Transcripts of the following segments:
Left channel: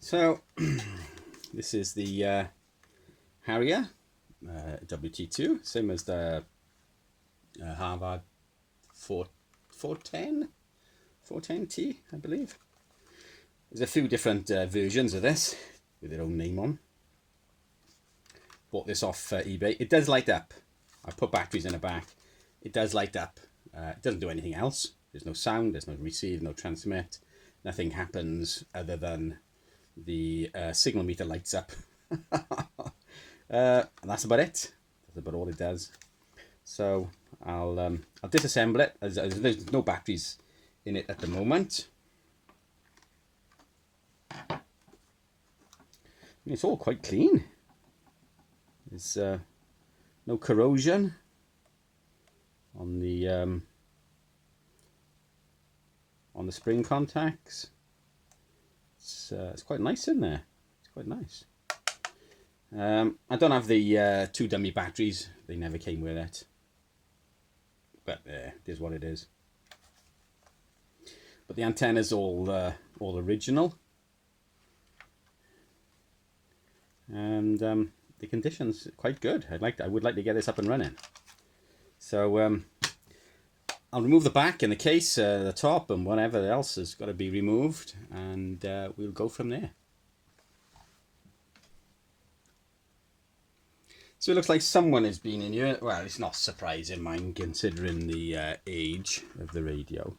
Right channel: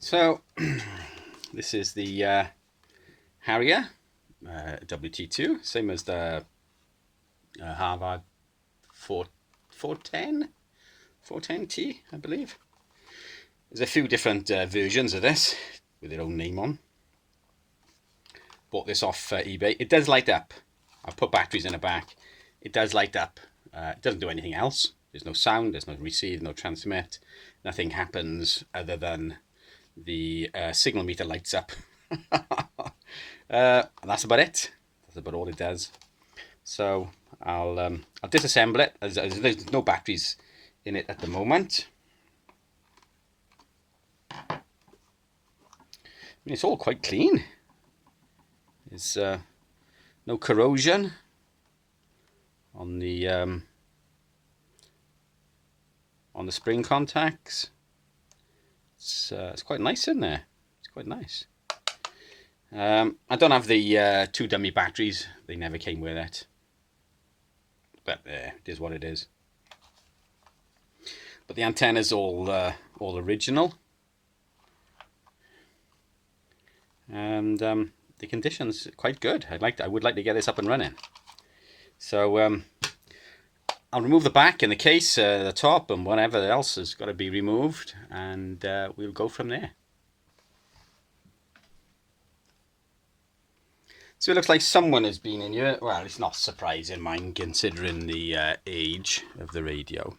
So this is the Harrier WT-2, same as the Harvard 410T, I believe. There's a few different versions of this with their own name on. Bought this off eBay. It does light up. I put batteries in the back. It does light up. It doesn't do anything else. There's no sound, there's no receive, no transmit. Nothing happens other than the signal meter lights up. And that's about it. That's about all it does. So I'll disassemble it. There's no batteries in it at the moment. I mean, it's all quite clean. There's no corrosion on the spring contacts. It's quite nice in there. It's quite nice. I don't have the two dummy batteries. They never came with it. But it is what it is. But the antenna's all original. And the condition's quite good. I would like to get this up and running. So I'll remove the back and the case, the top, and whatever else has got to be removed, and we'll go from there. So it looks like someone has been in here. Well, it's not surprising, mine, considering the age of the radio.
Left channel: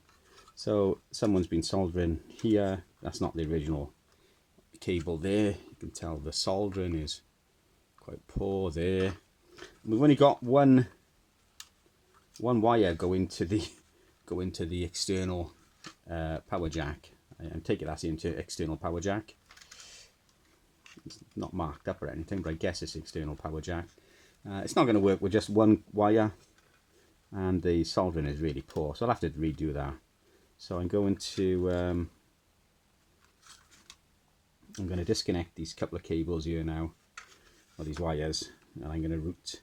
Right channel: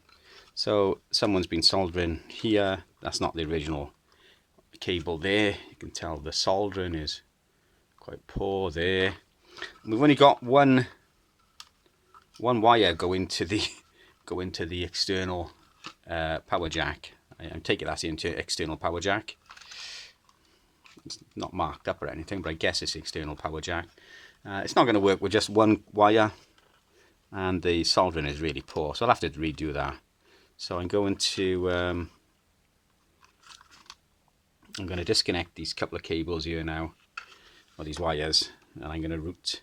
So someone's been soldering here. That's not the original cable there. You can tell the soldering is quite poor there. And we've only got one wire go into the external power jack. I'm taking that into external power jack. It's not marked up or anything, but I guess it's the external power jack. It's not going to work with just one wire, and the soldering is really poor, so I'll have to redo that. So I'm going to disconnect these couple of cables here now, or these wires, and I'm going to route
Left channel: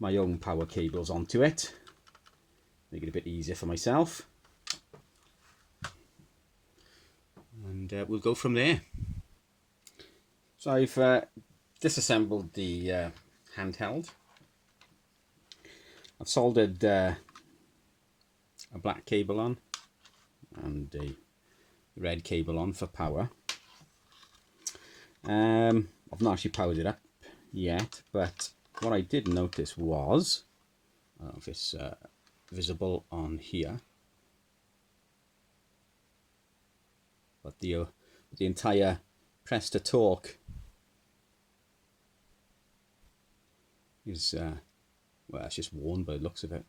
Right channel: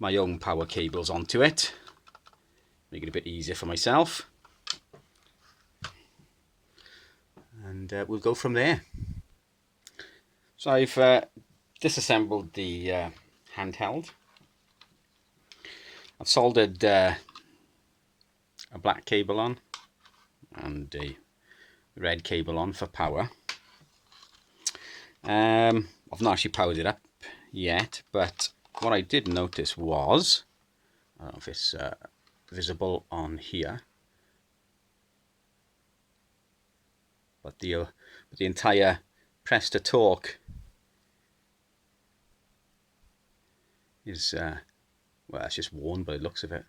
my own power cables onto it. Make it a bit easier for myself, and we'll go from there. So I've disassembled the handheld. I've soldered a black cable on and a red cable on for power. I've not actually powered it up yet, but what I did notice was, I don't know if it's visible on here, but the entire press to torque is well, it's just worn by the looks of it.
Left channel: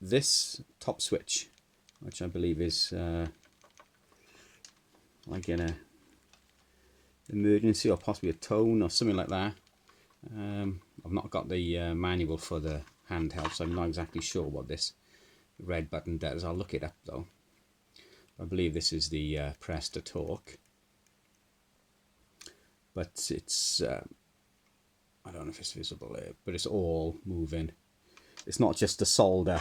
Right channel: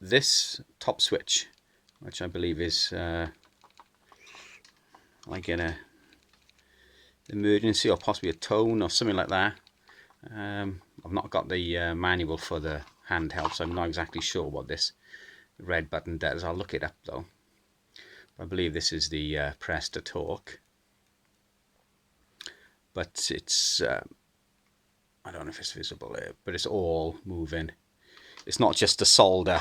This top switch, which I believe is like in a emergency or possibly a tone or something like that. I've not got the manual for the handheld, so I'm not exactly sure what this red button does. I'll look it up though. I believe this is the press to torque, but it's I don't know if it's visible here, but it's all moving. It's not just the solder.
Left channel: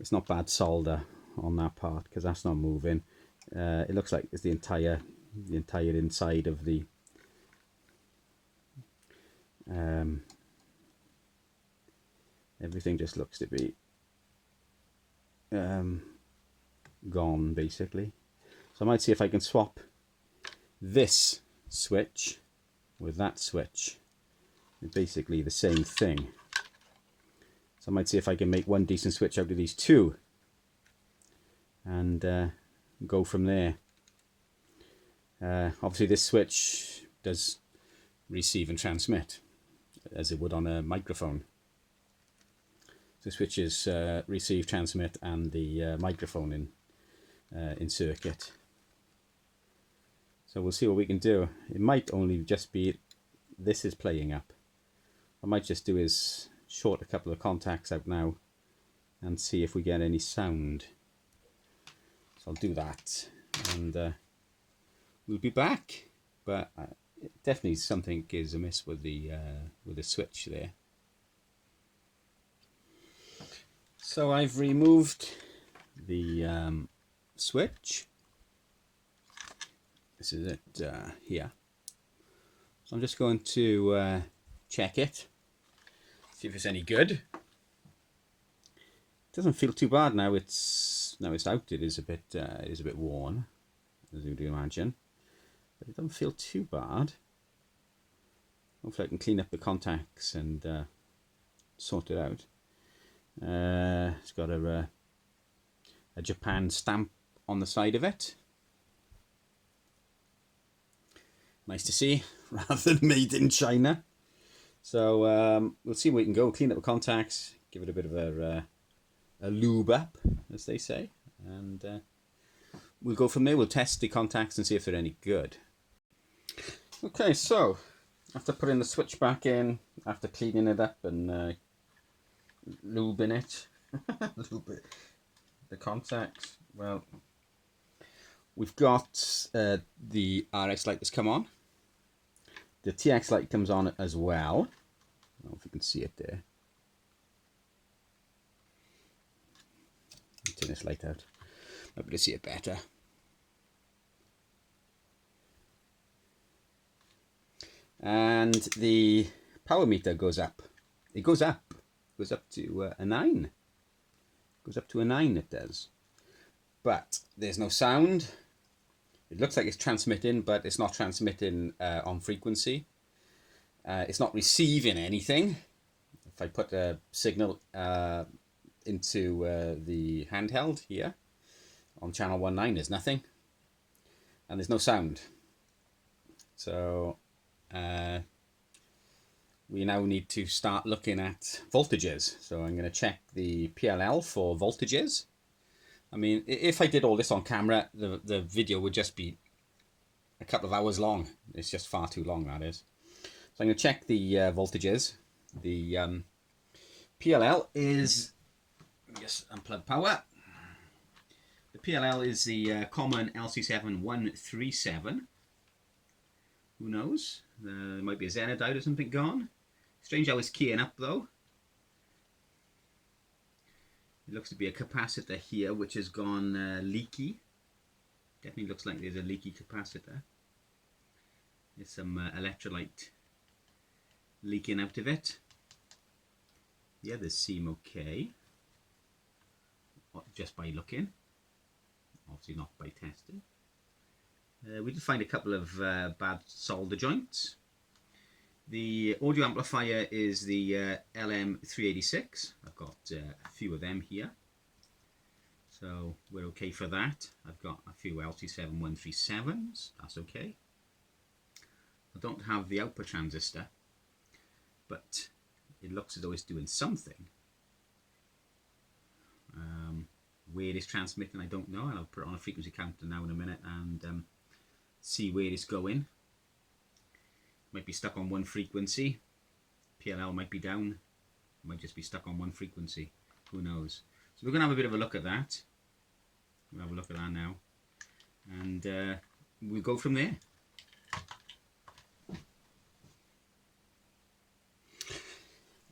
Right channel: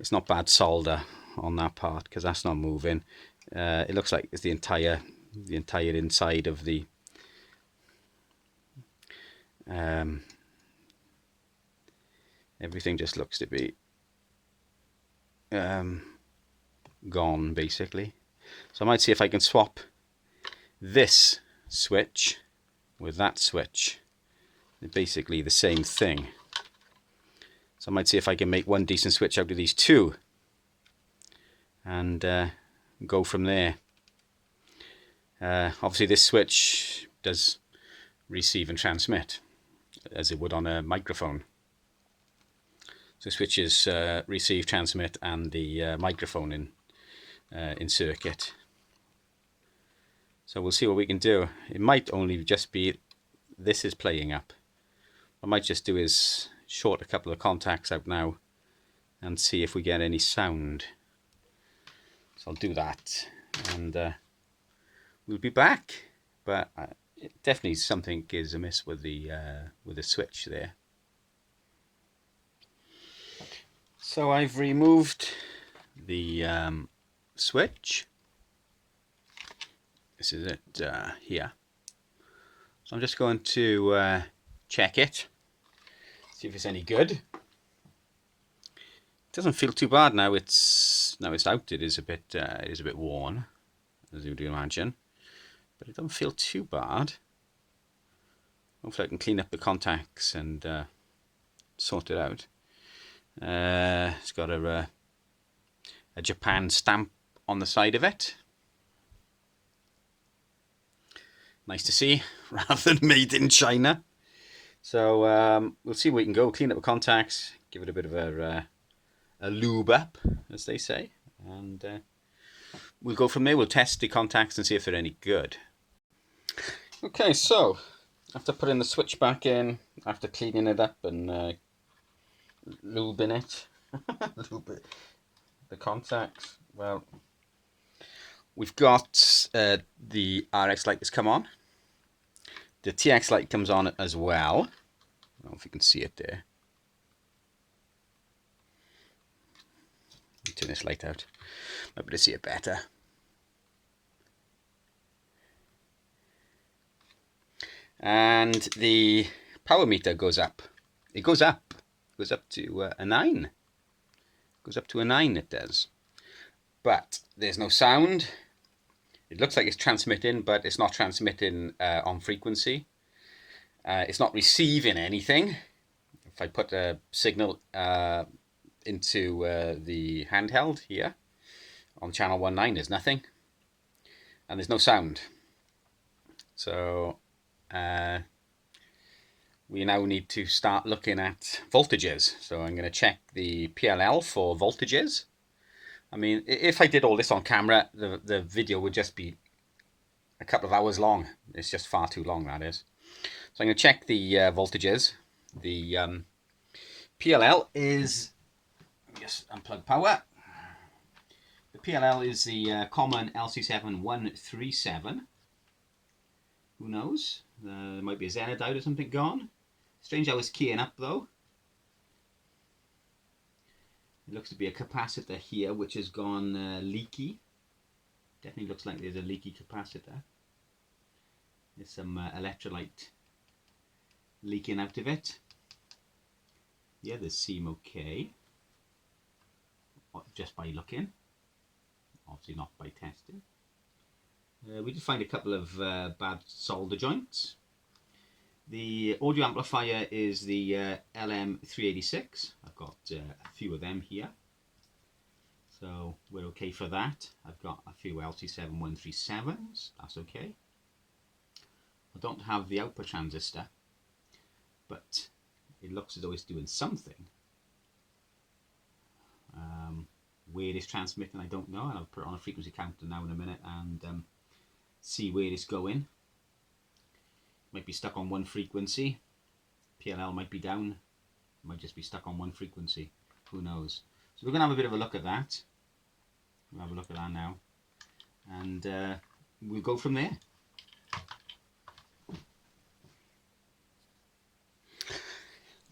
It's not bad solder on that part, because that's not moving. It looks like it's the entire inside of the everything just looks to be gone basically. So I might see if I can swap this switch with that switch. They're basically the same thing. So I might see if I can make one decent switch out of these two, and go from there. Obviously this switch does receive and transmit as it would on a microphone. So switches receive, transmit, and the microphone in circuit. So we'll see what we can do. It might only just be this is playing up. What I might just do is short a couple of contacts out now and see if we get any sound. So I'll do that, and we'll be back. But definitely something is amiss with the switch there. So I've removed the switch. This is it here. So I'm just going to check it, see if it's any good. It doesn't feel too bad now. It's out. It is a bit worn, as you would imagine, but it doesn't feel too bad. Hopefully I can clean up the contacts and sort it out. It's got a Japan stamp on the side of it. Nice to see, rather than made in China. So we'll see where we can go. Clean up the contacts, give it a bit of a lube up, as they say, and we'll go from there. We'll test the contacts and see if they're any good. Okay, so after putting the switch back in, after cleaning it up and lubing it, the contacts, well, we've got the RX light has come on. The TX light comes on as well. I don't know if you can see it there. Turn this light out. Might be able to see it better. And the power meter goes up. It goes up. It goes up to a 9. It goes up to a 9, it does. But there's no sound. It looks like it's transmitting, but it's not transmitting on frequency. It's not receiving anything. If I put a signal into the handheld here on channel 19, there's nothing. And there's no sound. So we now need to start looking at voltages. So I'm going to check the PLL for voltages. I mean, if I did all this on camera, the video would just be a couple of hours long. It's just far too long, that is. So I'm going to check the voltages. The PLL is, let me just unplug power. The PLL is the common LC7137. Who knows? There might be a Zener diode or something gone. Strange how it's keying up though. It looks to be a capacitor here which has gone leaky. Definitely looks like there's a leaky capacitor. There's some electrolyte leaking out of it. The others seem okay, just by looking. Obviously not by testing. We did find a couple of bad solder joints. The audio amplifier is the LM386. I've got a few of them here, so we're okay for that. I've got a few LC7137s, that's okay. I don't have the output transistor, but it looks as though it's doing something. Where it is transmitting, I don't know, and I'll put it on a frequency counter now in a minute and see where it's going. Might be stuck on one frequency. PLL might be down. Might just be stuck on one frequency. Who knows? So we're going to have a bit of a look at that. We'll have a look at that now. And we'll go from there.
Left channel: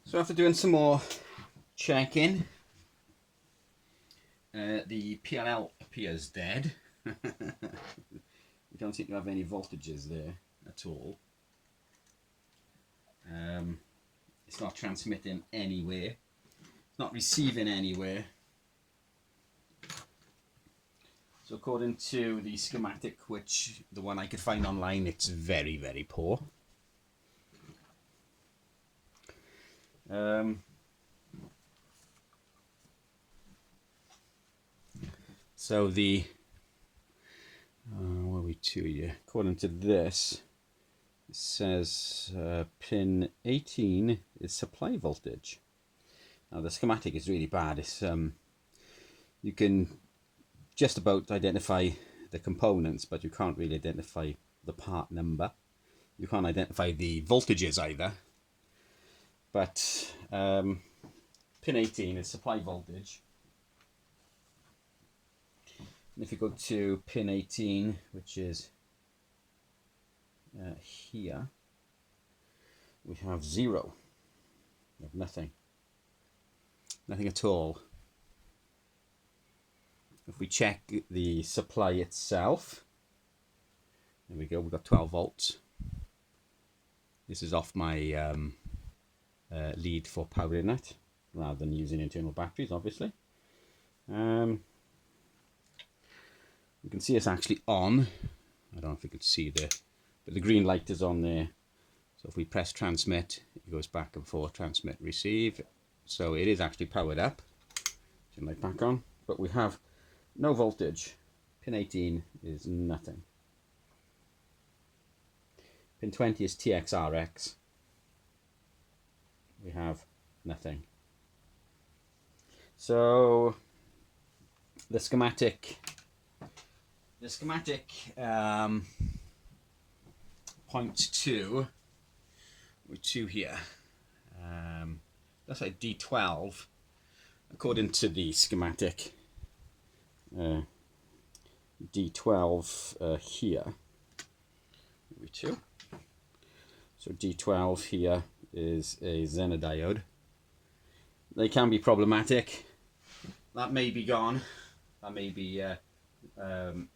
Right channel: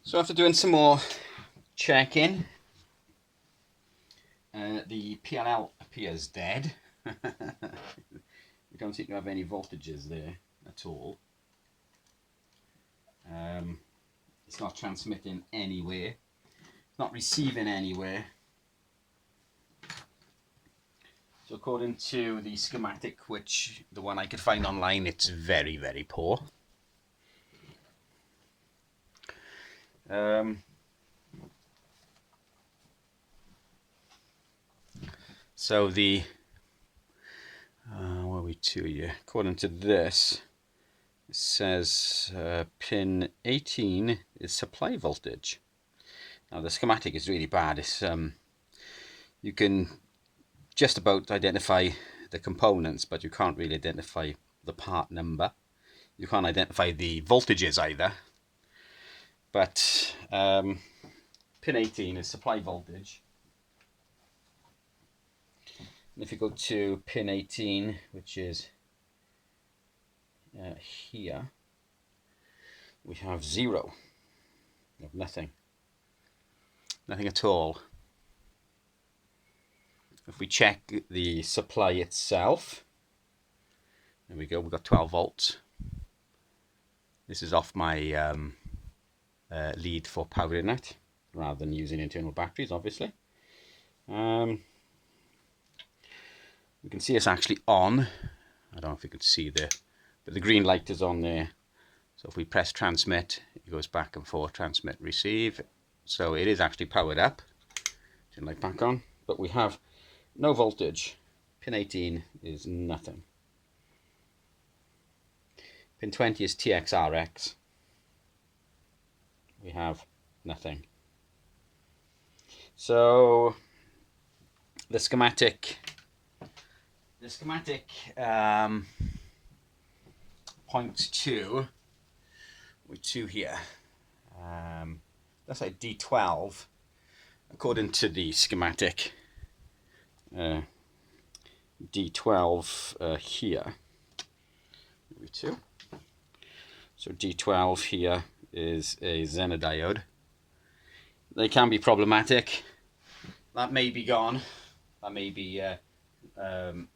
So after doing some more checking, the PLL appears dead. We don't seem to have any voltages there at all. It's not transmitting anywhere. It's not receiving anywhere. So according to the schematic, which the one I could find online, it's very, very poor. So the what are we to here? According to this, it says pin 18 is supply voltage. Now the schematic is really bad. It's you can just about identify the components, but you can't really identify the part number. You can't identify the voltages either. But pin 18 is supply voltage. And if you go to pin 18, which is here, we have 0. We have nothing. Nothing at all. If we check the supply itself, There we go, we've got 12 volts. This is off my lead for powering it, rather than using internal batteries, obviously. We can see it's actually on. I don't know if you can see there, but the green light is on there. So if we press transmit, it goes back and forth, transmit, receive. So it is actually powered up. Turn light back on, but we have no voltage. Pin 18 is nothing. Pin 20 is TXRX. We have nothing. So the schematic point 2 with 2 here. That's like D12 according to the schematic. D12 here. 2. So D12 here is a Zener diode. They can be problematic. That may be gone. That may be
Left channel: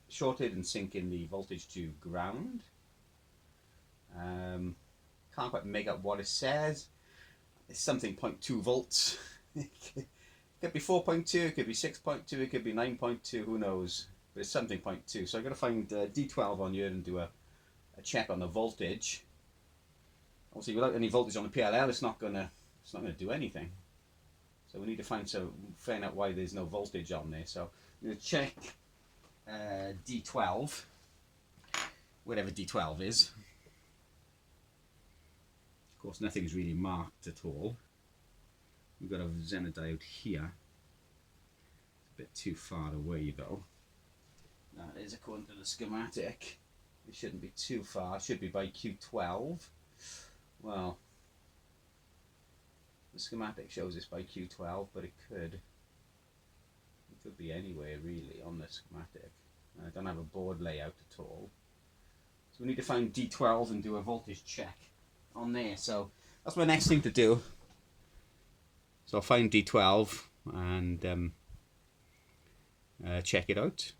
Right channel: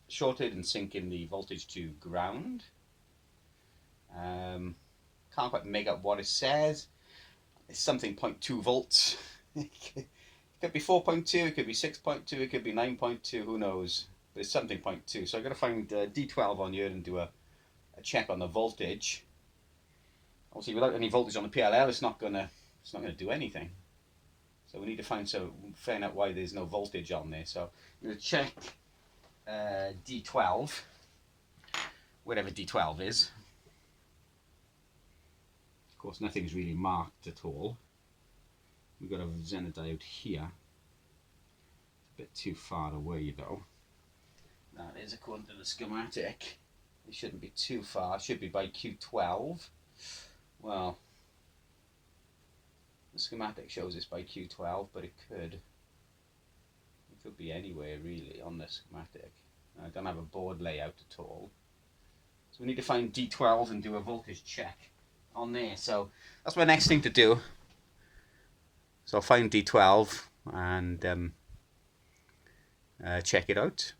shorted and sinking the voltage to ground. Can't quite make up what it says. It's something 0.2 volts. It could be 4.2, it could be 6.2, it could be 9.2, who knows. But it's something 0.2. So I've got to find D12 on here and do a check on the voltage. Obviously, without any voltage on the PLL, it's not gonna do anything. So we need to find out why there's no voltage on there. So I'm going to check D12, whatever D12 is. Of course, nothing's really marked at all. We've got a Zener diode here. It's a bit too far away though. That is according to the schematic. It shouldn't be too far. It should be by Q12. Well, the schematic shows it's by Q12, but it could be anywhere really on the schematic. I don't have a board layout at all. So we need to find D12 and do a voltage check on there. So that's my next thing to do. So I'll find D12 and check it out.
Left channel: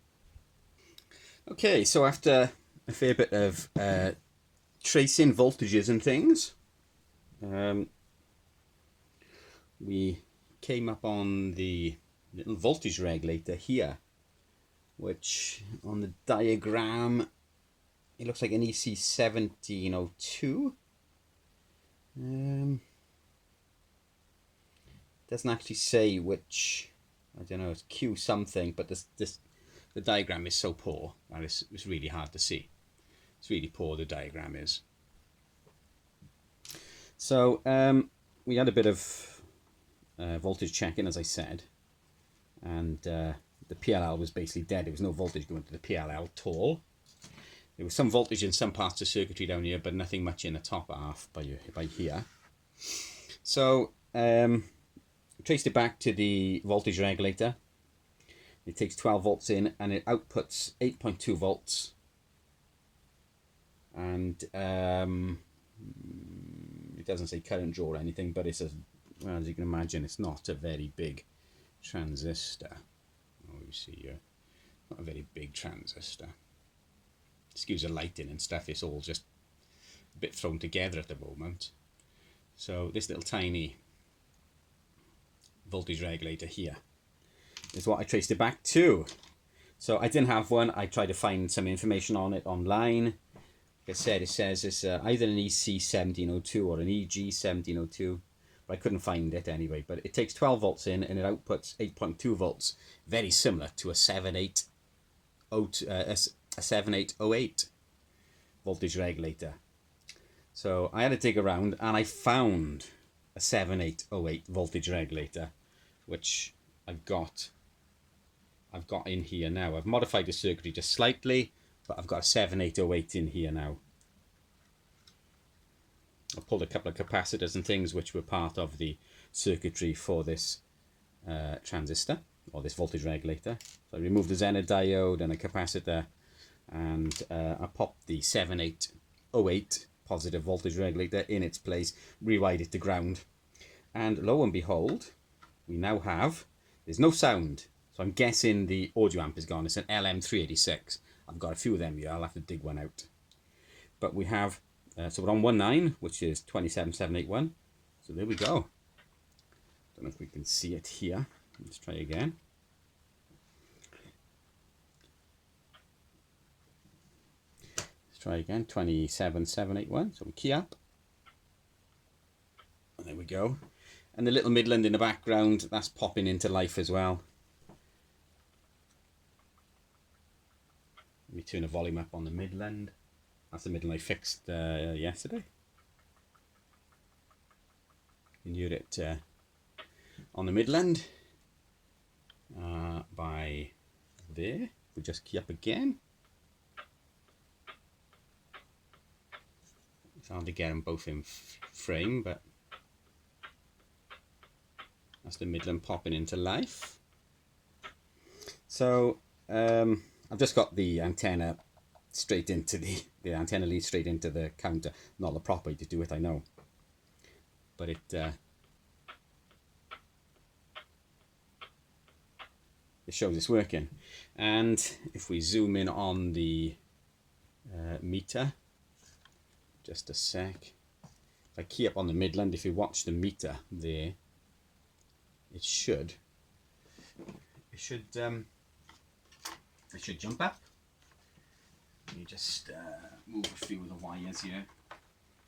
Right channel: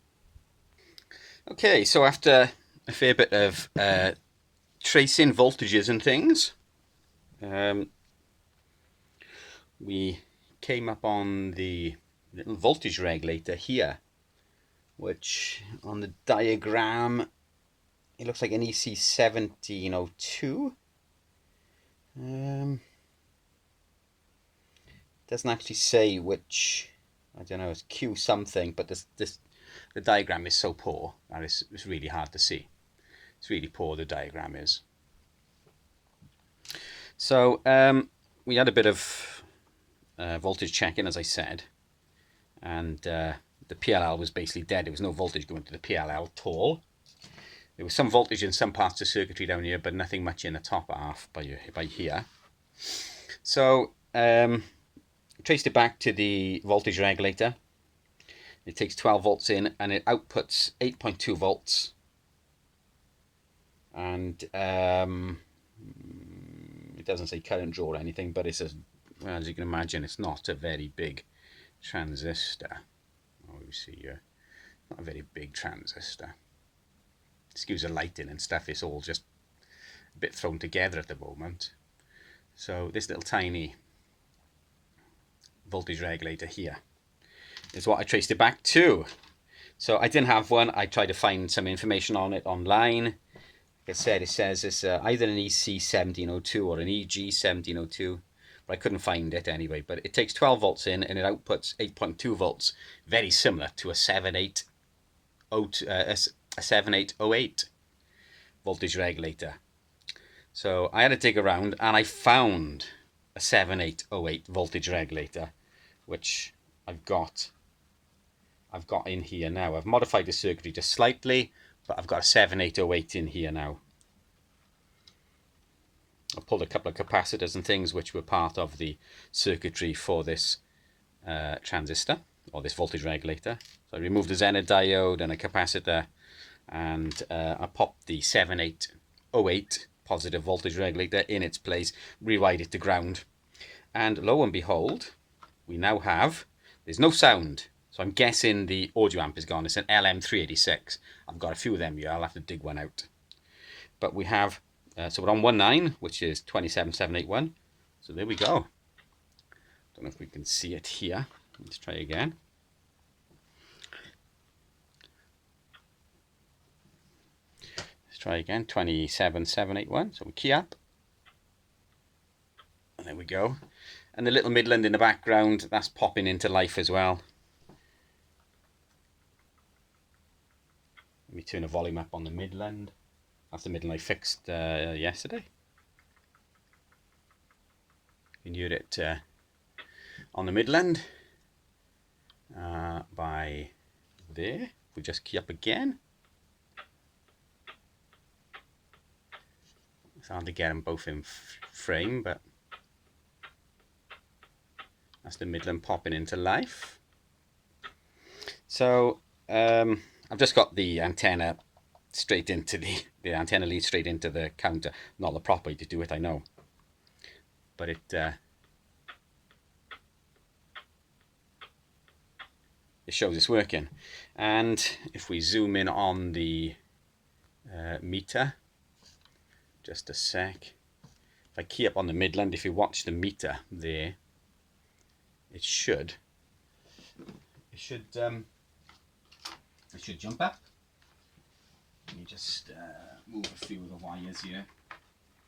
Okay, so after a fair bit of tracing voltages and things, we came up on the little voltage regulator here, which on the diagram it looks like an EC1702. Doesn't actually say which, I don't know, it's Q something, but the diagram is so poor that it's really hard to see. It's really poor, the diagram is. So we had a bit of voltage checking, as I said, and the PLL was basically dead. There was no voltage going to the PLL at all. There was some voltage in some parts of circuitry down here, but nothing much in the top half by here. So traced it back to the voltage regulator. It takes 12 volts in and it outputs 8.2 volts. And it doesn't say current draw or anything, but it's as you can imagine, it's not a very big transistor. Oh, you see here, not a very big transistor. Excuse the lighting and stuff, it's all just a bit thrown together at the moment. So this little tiny voltage regulator here is what I traced it back to. So I didn't have one. I tried to find some information on it online. Like I said, it says it's either an EC1702 or an EG1702, but I couldn't find it anyway. But it takes 12 volts in and it outputs 8.2 volts, very similar to a 7808 voltage regulator. So I had to dig around and I found a 7808 voltage regulator, which I've got in here now. I've modified the circuitry just slightly, but I've got a 7808 in here now. I pulled a couple of capacitors and things which were part of the circuitry for this transistor, or this voltage regulator. So I removed the Zener diode and a capacitor, and I popped the 7808 positive voltage regulator in its place, rewired it to ground, and lo and behold, we now have, there's no sound. So I'm guessing the audio amp is gone. It's an LM386. I've got a few of them here. I'll have to dig one out. but we have, so we're on 19, which is 27781. So there we go. Don't know if we can see it here. Let's try again. Let's try again, 27781. So we key up. And there we go. And the little Midland in the background, that's popping into life as well. Let me turn the volume up on the Midland. That's the Midland I fixed yesterday. You can hear it on the Midland by there. We just key up again. It's hard to get them both in frame, but that's the Midland popping into life. So I've just got the antenna straight into the antenna lead straight into the counter. Not the proper way to do it, I know, but it shows it's working. And if we zoom in on the meter, just a sec. If I key up on the Midland, if you watch the meter there, it should jump up. Let me just move a few of the wires here.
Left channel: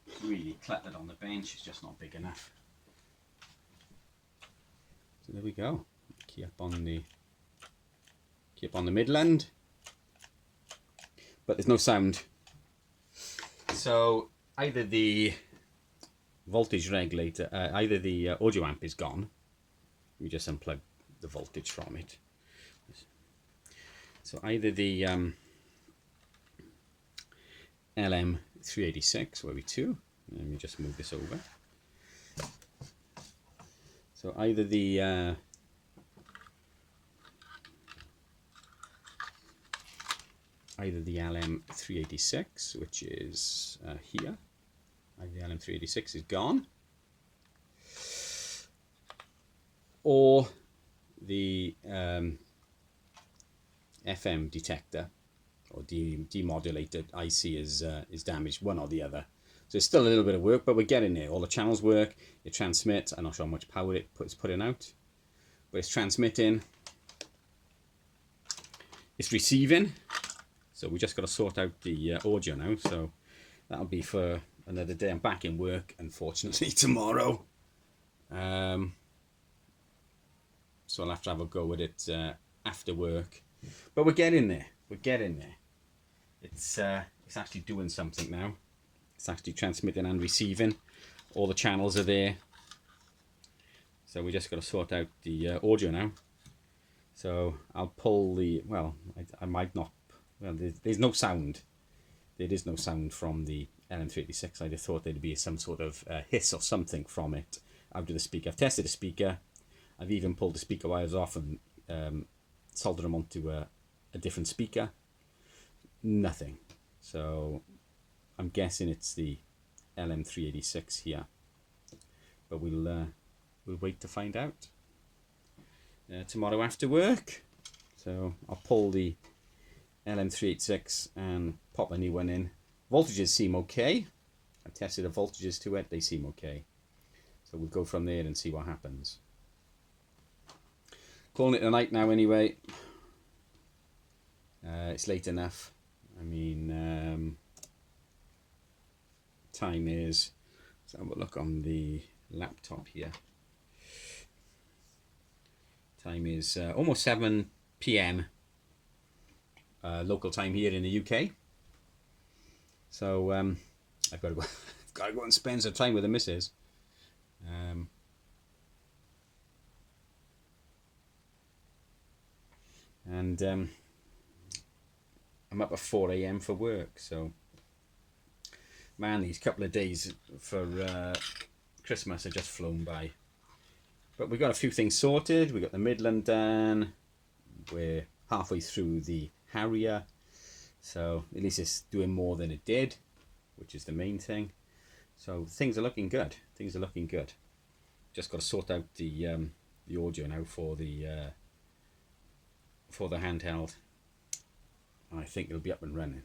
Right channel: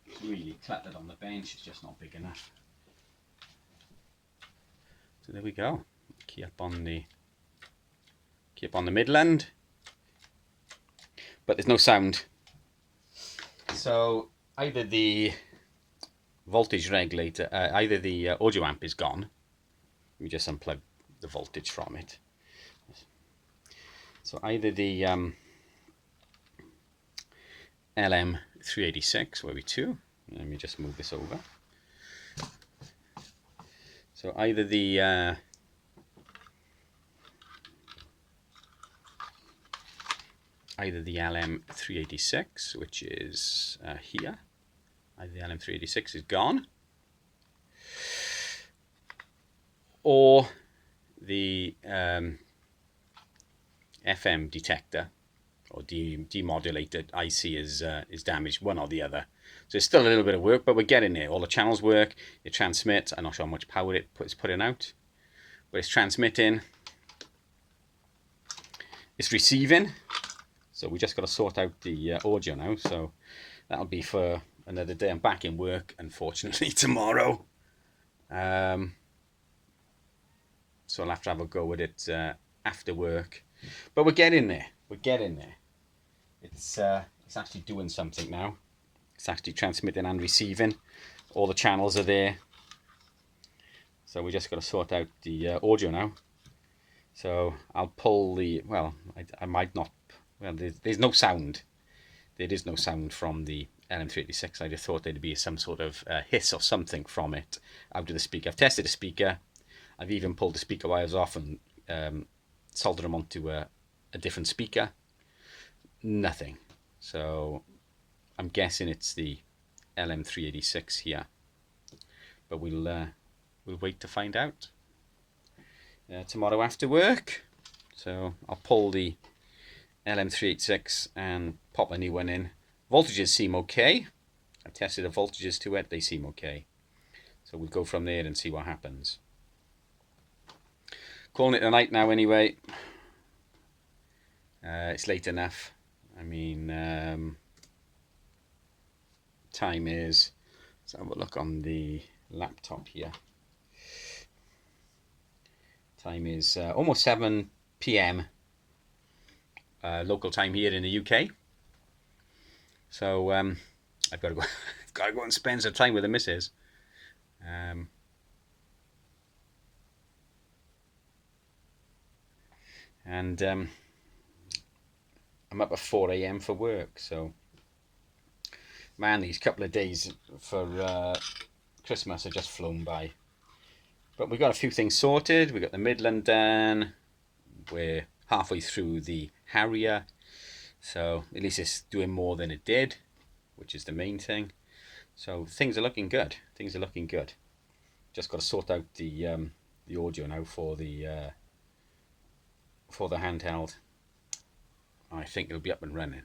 It's really cluttered on the bench, it's just not big enough. So there we go. Key up on the Midland, but there's no sound. So either the voltage regulator, either the audio amp is gone. Let me just unplug the voltage from it. So either the LM386 WT2, let me just move this over. So either the LM386, which is here, either the LM386 is gone, or the FM detector or demodulated IC is damaged, one or the other. So it's still a little bit of work, but we're getting there. All the channels work, it transmits. I'm not sure how much power it's putting out, but it's transmitting, it's receiving. So we just got to sort out the audio now. So that'll be for another day. I'm back in work, unfortunately, tomorrow. So I'll have to have a go with it after work. But we're getting there. We're getting there. It's actually doing something now. It's actually transmitting and receiving. All the channels are there. So we just got to sort out the audio now. So I'll pull the, well, I might not, well, there's no sound. There is no sound from the LM386. I just thought there'd be some sort of hiss or something from it out of the speaker. I've tested the speaker. I've even pulled the speaker wires off and soldered them onto a different speaker. Nothing. So I'm guessing it's the LM386 here, but we'll wait to find out tomorrow after work. So I'll pull the LM386 and pop a new one in. Voltages seem okay. I've tested the voltages to it, they seem okay. So we'll go from there and see what happens. Calling it a night now anyway. It's late enough. I mean, time is, let's have a look on the laptop here. Time is almost 7 PM local time here in the UK. So I've got to go. I've got to go and spend some time with the missus. And I'm up at 4 AM for work. So, man, these couple of days for Christmas have just flown by. But we've got a few things sorted. We've got the Midland done. We're halfway through the Harrier. So at least it's doing more than it did, which is the main thing. So things are looking good. Things are looking good. Just got to sort out the audio now for the handheld. I think it'll be up and running.